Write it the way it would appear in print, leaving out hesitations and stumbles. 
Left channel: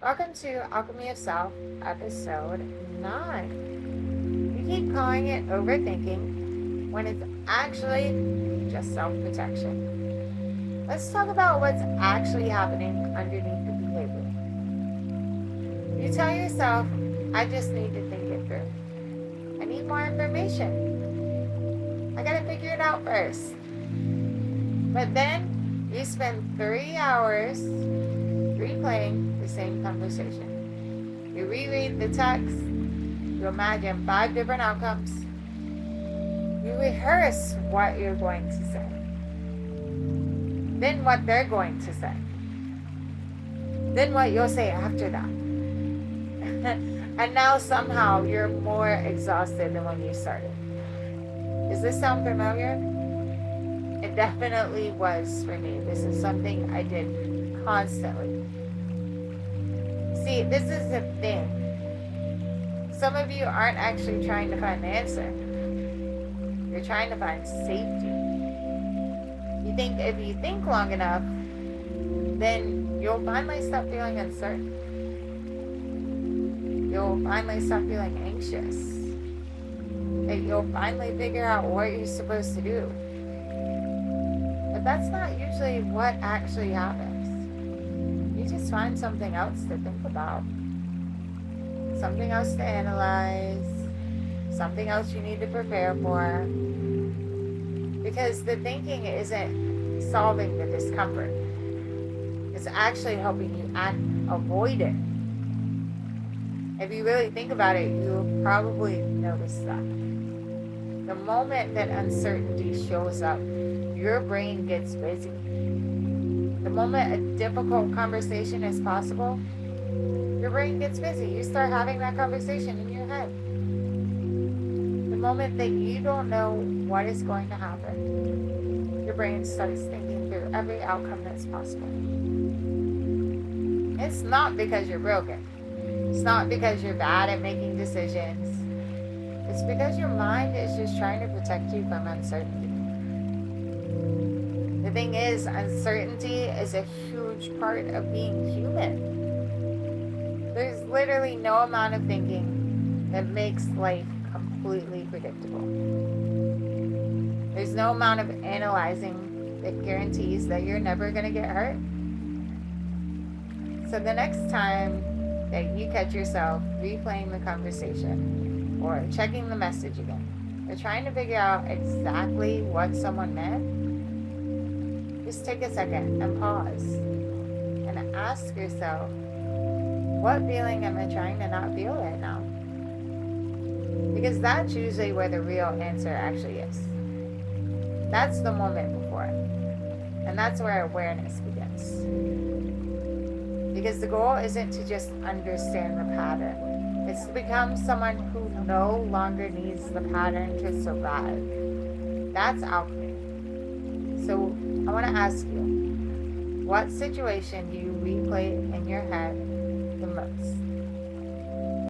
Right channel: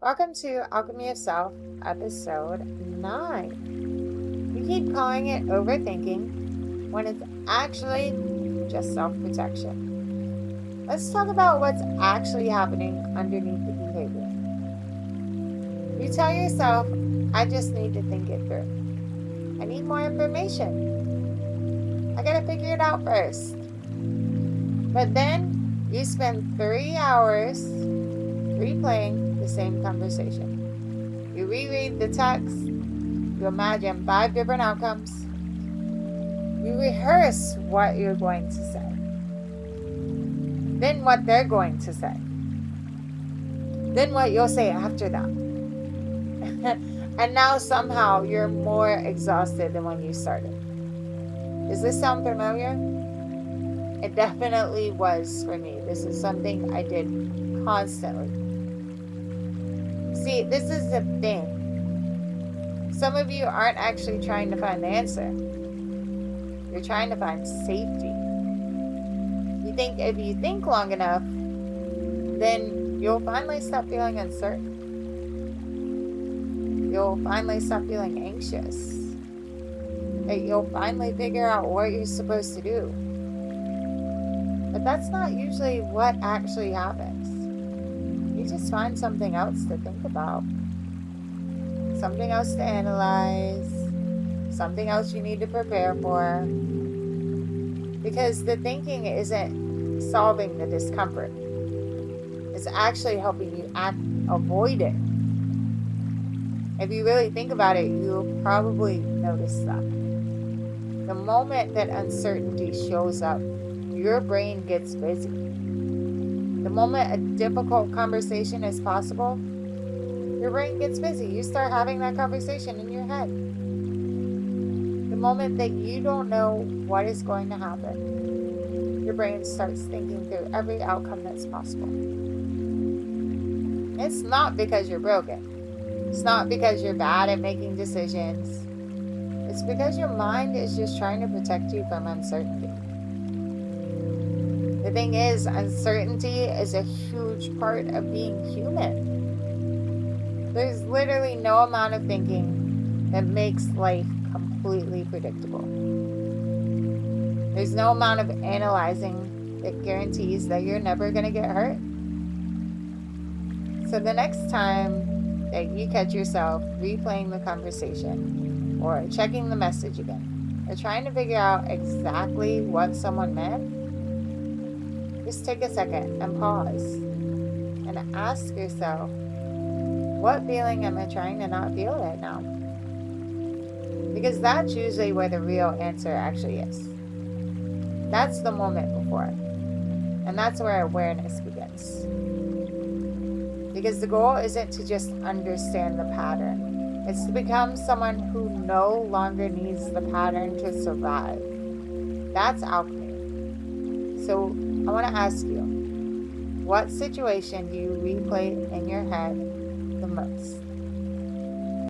Welcome to Alchemy of Self, episode 9. We keep calling it overthinking when it's actually just self protection. Let's talk about what's actually happening underneath the behavior. You tell yourself, I just need to think it through. I need more information. I gotta figure it out first. But then you spend 3 hours replaying the same conversation. You reread the text, you imagine 5 different outcomes, you rehearse what you're going to say, then what they're going to say, then what you'll say after that. And now somehow you're more exhausted than when you started. Does this sound familiar? It definitely was for me. This is something I did constantly. See, this is the thing. Some of you aren't actually trying to find the answer. You're trying to find safety. You think if you think long enough, then you'll finally stop feeling uncertain. You'll finally stop feeling anxious. You'll finally figure out what you're supposed to do. But that's not usually what actually happens. You just find something else to think about, something else to analyze, something else you need to prepare for. Because the thinking isn't solving the discomfort, it's actually helping you avoid it. If you really think about it, you'll probably notice that. The moment that uncertainty shows up, your brain gets busy. The moment a difficult conversation is possible, your brain gets busy. You start having that conversation in your head. The moment that you don't know what is going to happen, your brain starts thinking through every outcome that's possible. It's not because you're broken. It's not because you're bad at making decisions. It's because your mind is just trying to protect you from uncertainty. The thing is, uncertainty is a huge part of being human. There's literally no amount of thinking that makes life completely predictable. There's no amount of analyzing that guarantees that you're never going to get hurt. So the next time that you catch yourself replaying the conversation or checking the message again or trying to figure out exactly what someone meant, just take a second and pause and ask yourself, what feeling am I trying to not feel right now? Because that's usually where the real answer actually is. That's the moment before. And that's where awareness begins. Because the goal isn't to just understand the pattern. It's to become someone who no longer needs the pattern to survive. That's alchemy. So I want to ask you, what situation do you replay in your head the most?